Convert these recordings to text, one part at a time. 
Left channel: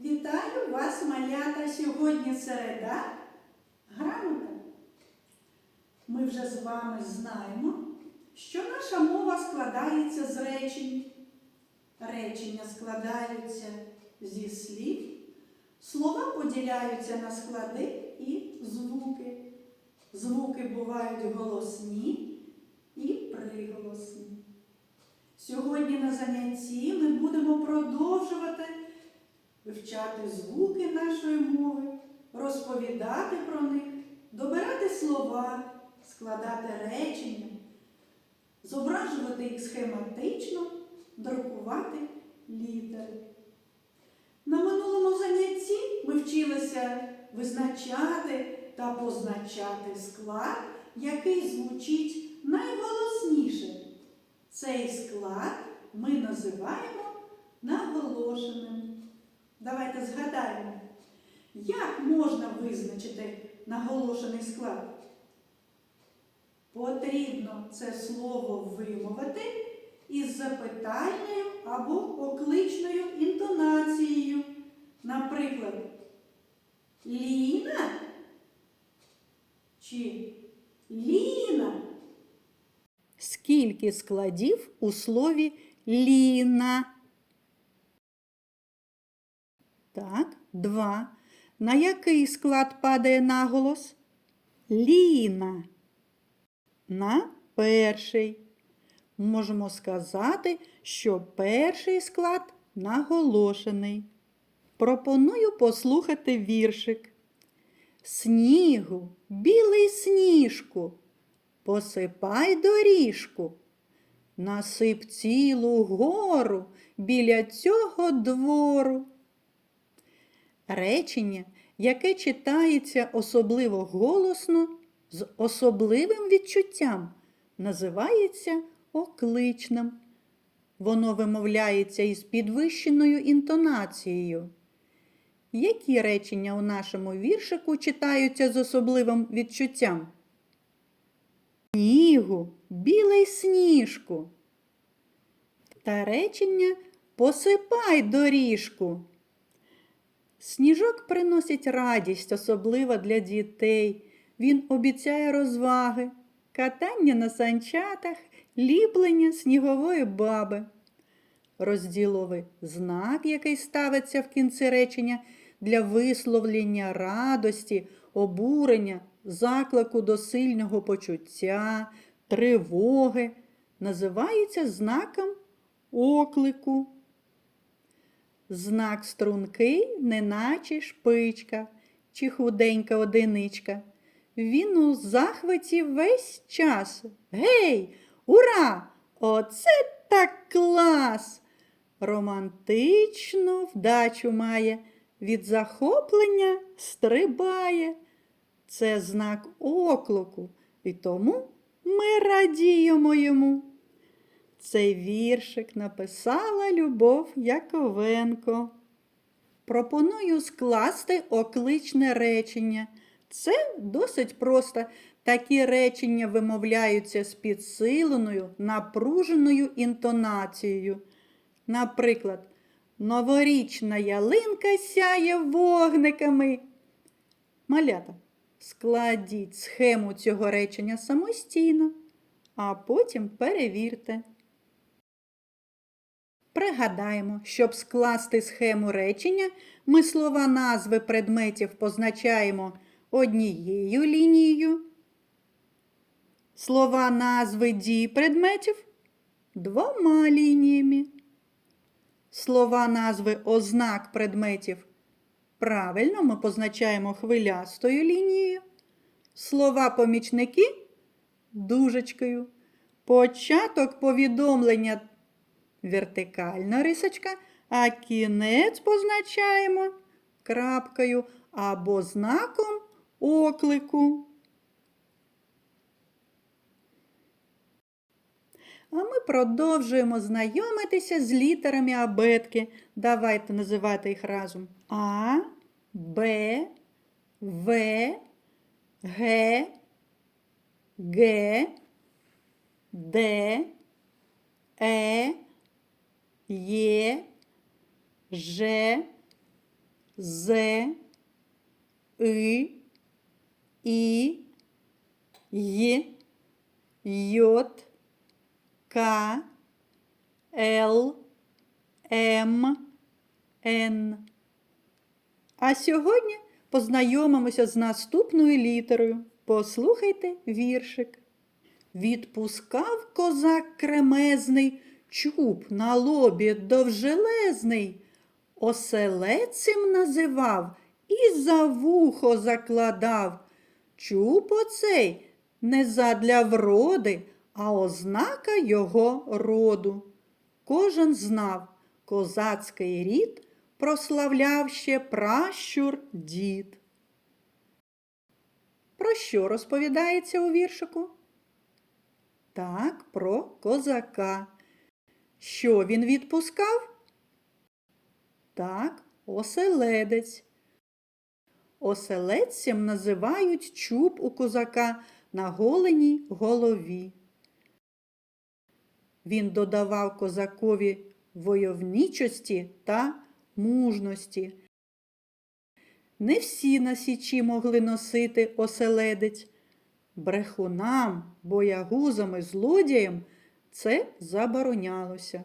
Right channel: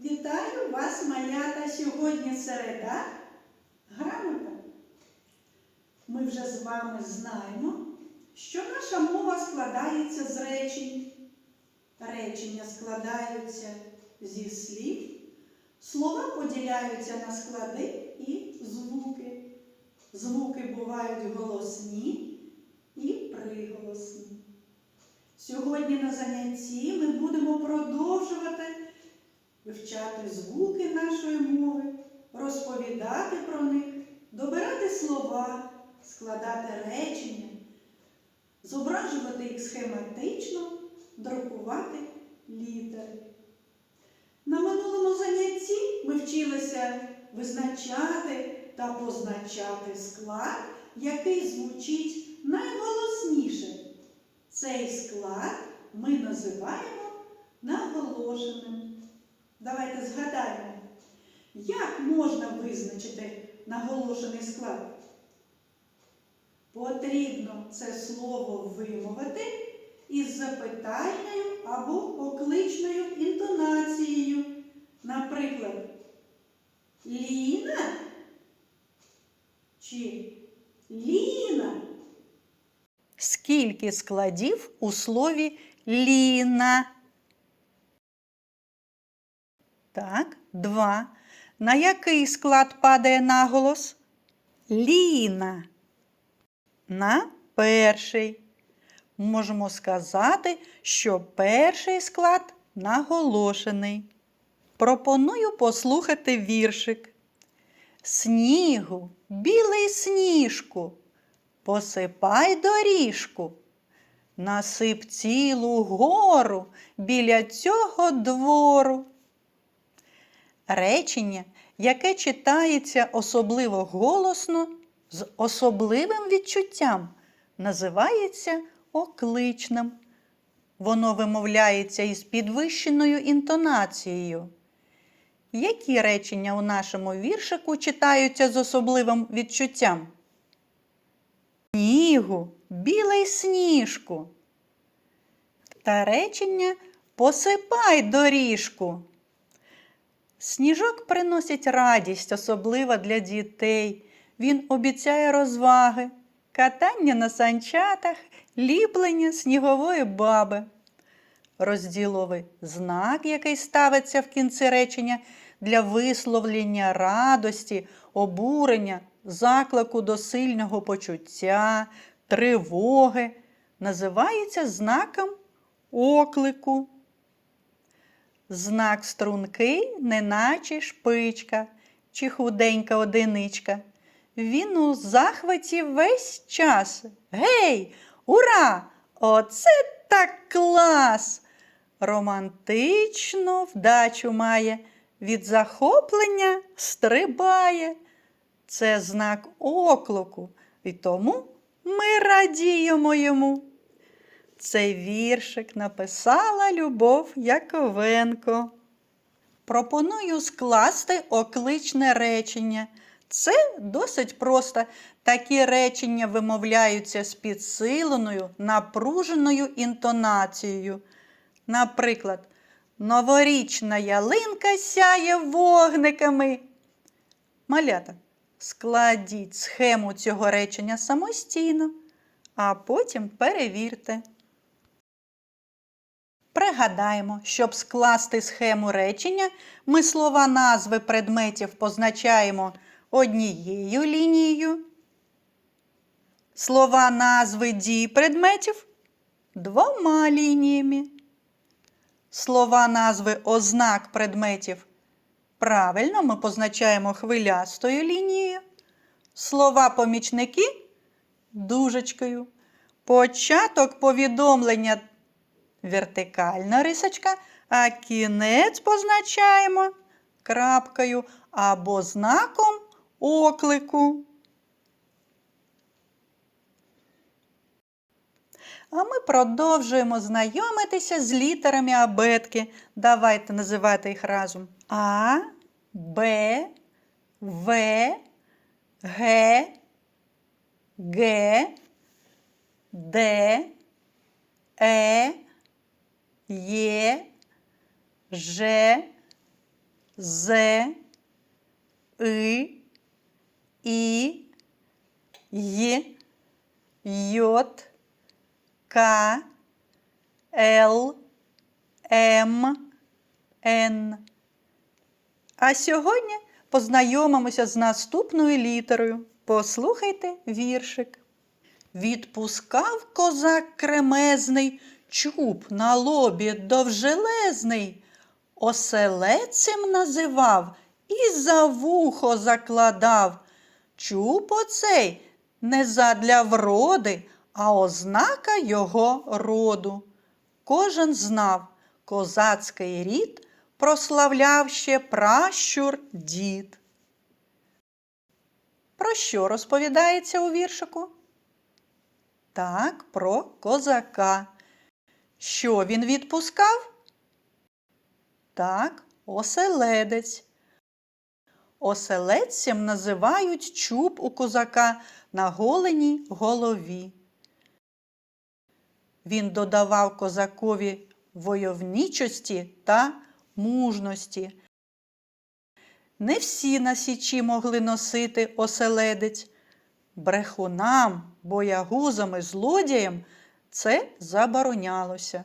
Вітаю вас, малята! Сьогодні середа. Грамота. Ми вже з вами знаємо, що наша мова складається з речень. Речення складаються зі слів, слова поділяються на склади і звуки. Звуки бувають голосні і приголосні. Сьогодні на занятті ми будемо продовжувати вивчати звуки нашої мови, розповідати про них, добирати слова, складати речення, зображувати їх схематично, друкувати літери. На минулому занятті ми вчилися визначати та позначати склад, який звучить найголосніше. Цей склад ми називаємо наголошеним. Давайте згадаємо, як можна визначити наголошений склад? Потрібно це слово вимовити із запитальною або окличною інтонацією. Наприклад, Ліна чи Ліна. Скільки складів у слові Ліна? Так, два. На який склад падає наголос? Ліна. На перший. Можемо сказати, що перший склад наголошений. Пропоную послухати віршик. Снігу, білий сніжку, посипай доріжку, насип цілу гору біля цього двору. Речення, яке читається особливо голосно, з особливим відчуттям, називається окличним. Воно вимовляється із підвищеною інтонацією. Які речення у нашому віршику читаються з особливим відчуттям? Снігу, білий сніжку. Та речення посипай доріжку. Сніжок приносить радість, особливо для дітей. Він обіцяє розваги, катання на санчатах, ліплення снігової баби. Розділовий знак, який ставиться в кінці речення для висловлення радості, обурення, заклику до сильного почуття, тривоги, називається знаком оклику. Знак стрункий, неначе шпичка чи худенька одиничка. Він у захваті весь час. Гей, ура! Оце так клас! Романтичну вдачу має, від захоплення стрибає. Це знак оклику, і тому ми радіємо йому. Цей віршик написала Любов Яковенко. Пропоную скласти окличне речення. Це досить просто. Такі речення вимовляються з підсиленою, напруженою інтонацією. Наприклад, новорічна ялинка сяє вогниками. Малята, складіть схему цього речення самостійно, а потім перевірте. Пригадаємо, щоб скласти схему речення, ми слова назви предметів позначаємо однією лінією. Слова назви дій предметів двома лініями. Слова назви ознак предметів правильно ми позначаємо хвилястою лінією. Слова помічники дужечкою. Початок повідомлення вертикальна рисочка, а кінець позначаємо крапкою або знаком оклику. А ми продовжуємо знайомитися з літерами абетки. Давайте називати їх разом. А, Б, В, Г, Г, Д, Е, Є, Ж, З, И, І, Й, Йот, К, Л, М, Н. А сьогодні познайомимося з наступною літерою. Послухайте віршик. Відпускав козак кремезний, чуб на лобі довжелезний, оселецем називав і за вухо закладав. Чуб оцей не задля вроди, а ознака його роду. Кожен знав, козацький рід прославляв ще пращур дід. Про що розповідається у віршику? Так, про козака. Що він відпускав? Так, оселедець. Оселедцем називають чуб у козака на голеній голові. Він додавав козакові войовничості та мужності. Не всі на січі могли носити оселедець. Брехунам, боягузам і злодіям це заборонялося.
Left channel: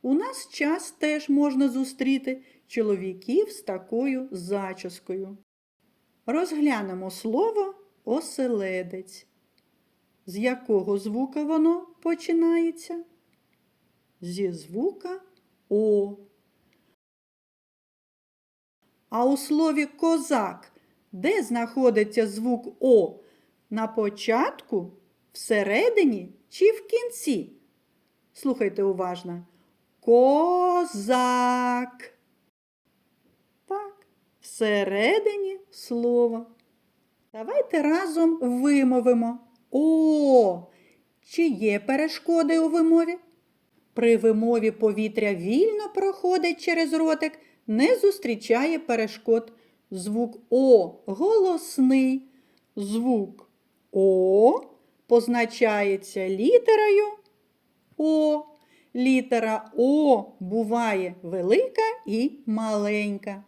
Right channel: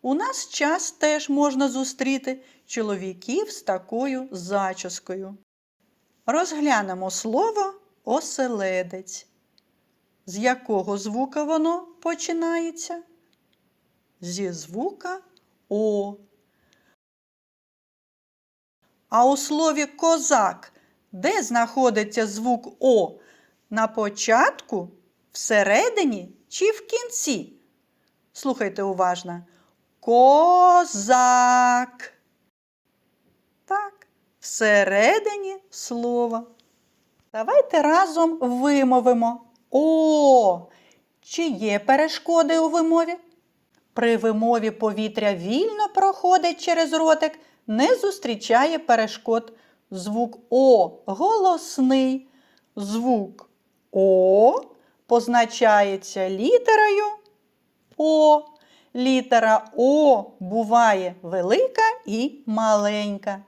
У нас час теж можна зустріти чоловіків з такою зачіскою. Розглянемо слово оселедець. З якого звука воно починається? Зі звука О. А у слові козак де знаходиться звук О? На початку, всередині чи в кінці? Слухайте уважно. Козак. Так, всередині слова. Давайте разом вимовимо О. Чи є перешкоди у вимові? При вимові повітря вільно проходить через ротик, не зустрічає перешкод. Звук О голосний. Звук О позначається літерою О. Літера О буває велика і маленька.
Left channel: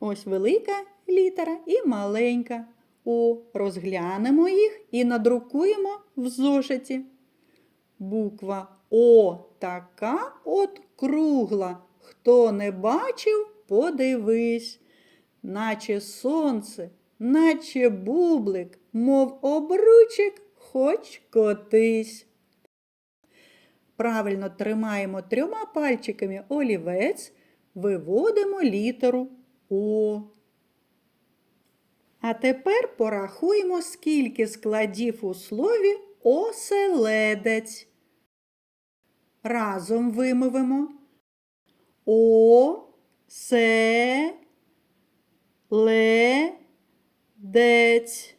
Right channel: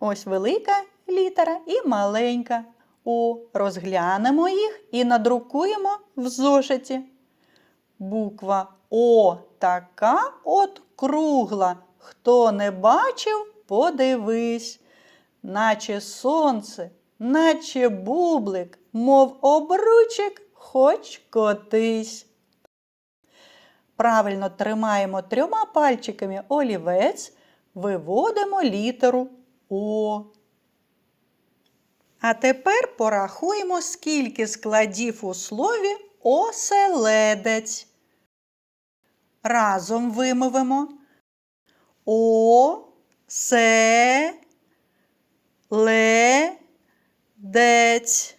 Ось велика літера і маленька О. Розглянемо їх і надрукуємо в зошиті. Буква О така от кругла. Хто не бачив, подивись. Наче сонце, наче бублик, мов обручик, хоч котись. Правильно тримаємо трьома пальчиками олівець, виводимо літеру О. А тепер порахуємо, скільки складів у слові оселедець. Разом вимовимо О, се, ле, дець.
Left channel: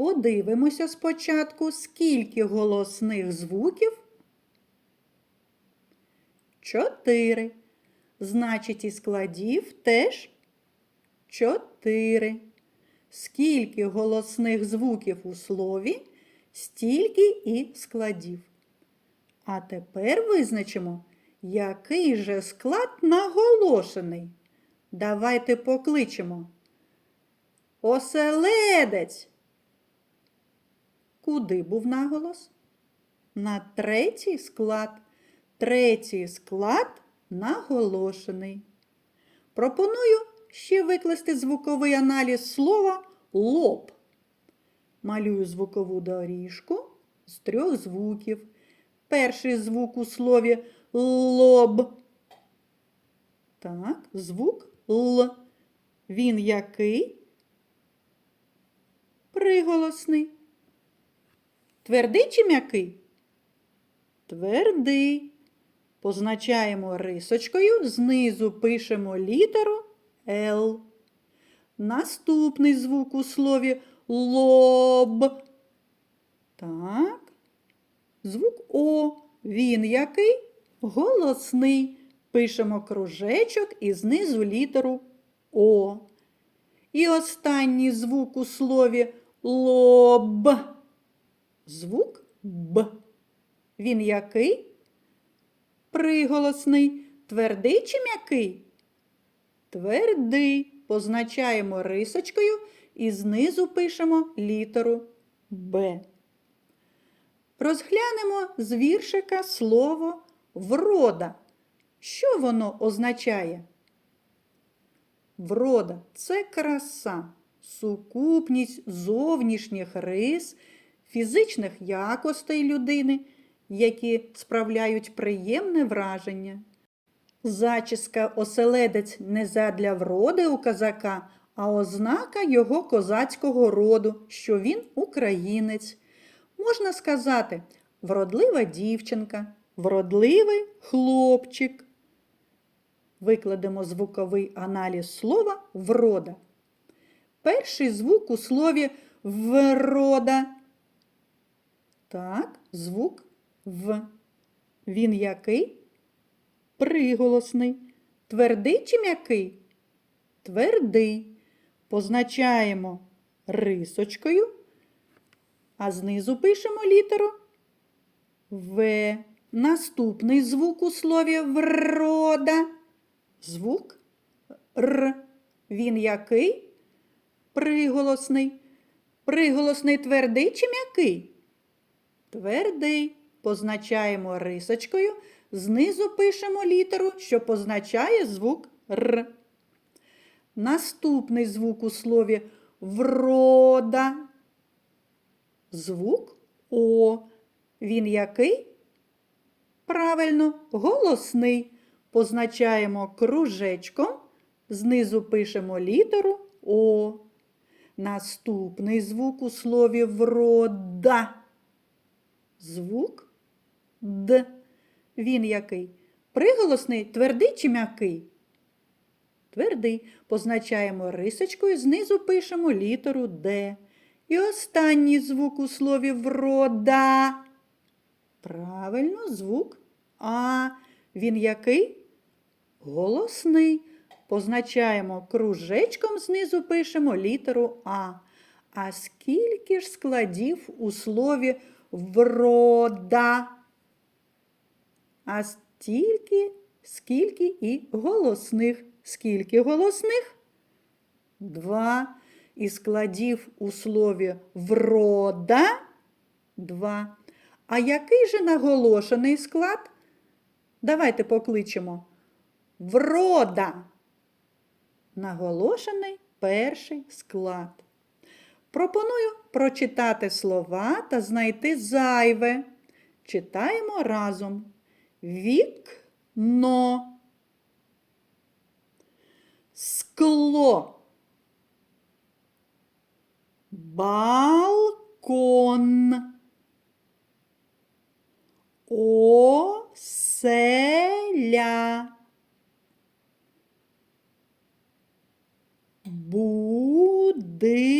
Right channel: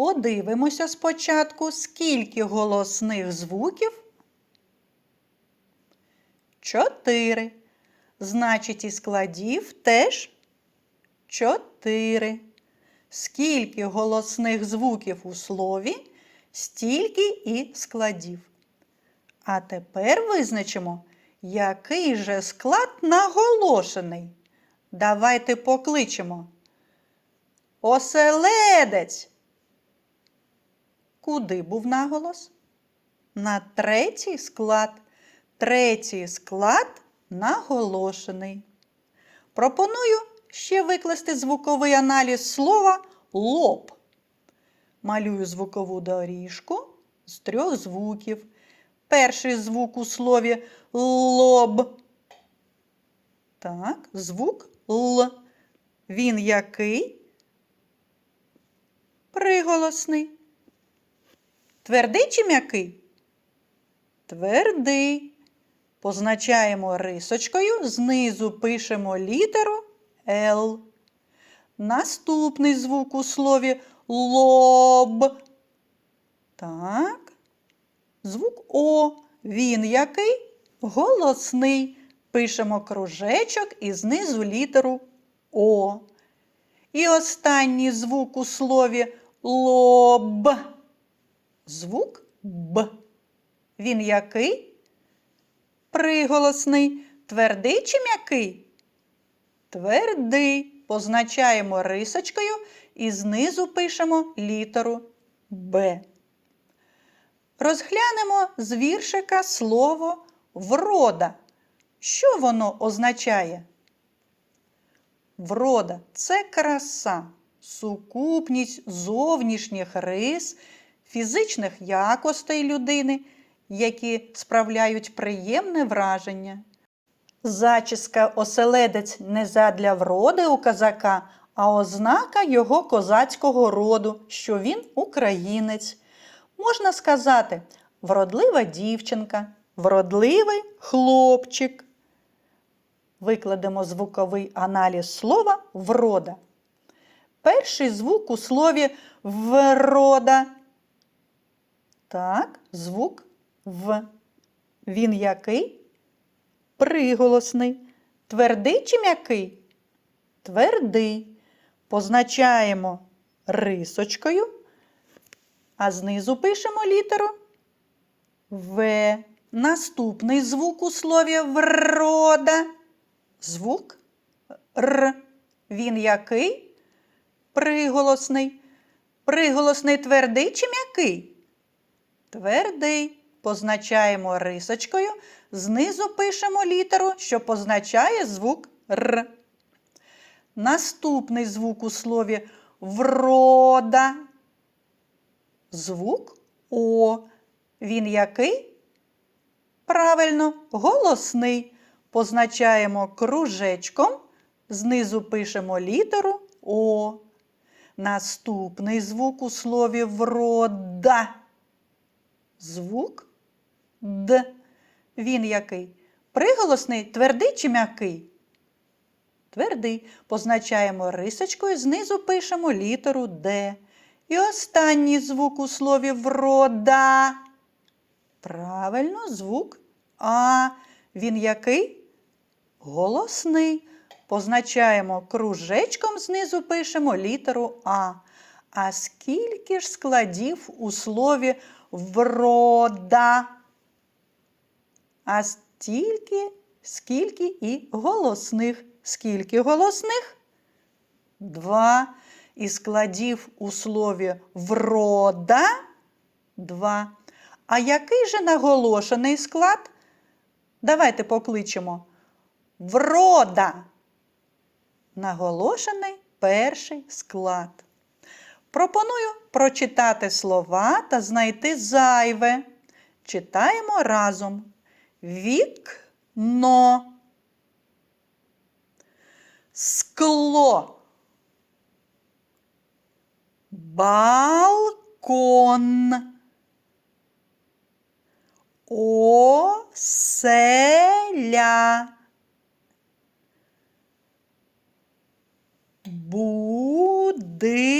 Подивимося спочатку, скільки голосних звуків. Чотири. Значить, і складів теж чотири. Скільки голосних звуків у слові, стільки і складів. А тепер визначимо, який же склад наголошений. Давайте покличемо. Оселедець. Куди був наголос? На третій склад. Третій склад наголошений. Пропоную ще викласти звуковий аналіз слова лоб. Малюю звукову доріжку з трьох звуків. Перший звук у слові лоб. Так, звук Л. Він який? Приголосний. Твердий чи м'який? Твердий. Позначаємо рисочкою, знизу пишемо літеру Л. Наступний звук у слові лоб. Так. Звук О. Він який? Голосний. Пишемо кружечок і знизу літеру О. І останній звук у слові лоб. Звук Б. Він який? Приголосний. Твердий чи м'який? Твердий позначаємо рисочкою і знизу пишемо літеру Б. Розглянемо з віршика слово врода. Що воно означає? Врода це краса, сукупність зовнішніх рис, фізичних якостей людини, які справляють приємне враження. Зачіска оселедець не задля вроди у козака, а ознака його козацького роду, що він українець. Можна сказати, вродлива дівчинка, вродливий хлопчик. Викладемо звуковий аналіз слова врода. Перший звук у слові врода. Так, звук В. Він який? Приголосний. Твердий чи м'який? Твердий. Позначаємо рисочкою, а знизу пишемо літеру В. Наступний звук у слові врода. Звук Р. Він який? Приголосний. Приголосний твердий чи м'який? Твердий. Позначаємо рисочкою. Знизу пишемо літеру, що позначає звук Р. Наступний звук у слові врода. Звук О. Він який? Правильно, голосний. Позначаємо кружечком, знизу пишемо літеру О. Наступний звук у слові врода. Звук Д. Він який? Приголосний, твердий чи м'який? Твердий. Позначаємо рисочкою, знизу пишемо літеру Д. І останній звук у слові врода. Правильно, звук А. Він який? Голосний. Позначаємо кружечком, знизу пишемо літеру А. А скільки ж складів у слові врода? А стільки, скільки і голосних. Скільки голосних? Два. І складів у слові врода два. А який же наголошений склад? Давайте покличемо. Врода. Наголошений перший склад. Пропоную прочитати слова та знайти зайве. Читаємо разом. Вікно. Скло. Балкон. Оселя. Будинок.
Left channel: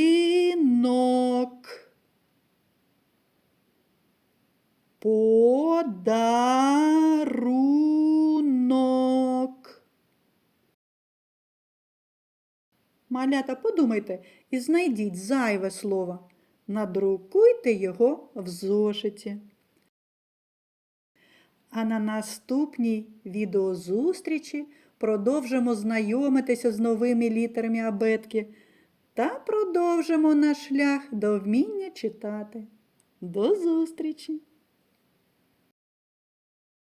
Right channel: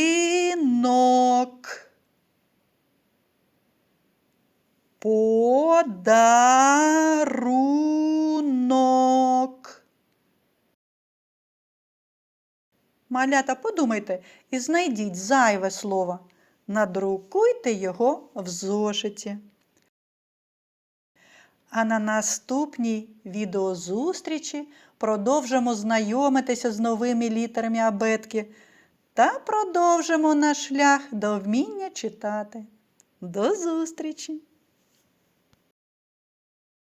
Подарунок. Малята, подумайте і знайдіть зайве слово. Надрукуйте його в зошиті. А на наступній відеозустрічі продовжимо знайомитися з новими літерами абетки та продовжимо наш шлях до вміння читати. До зустрічі!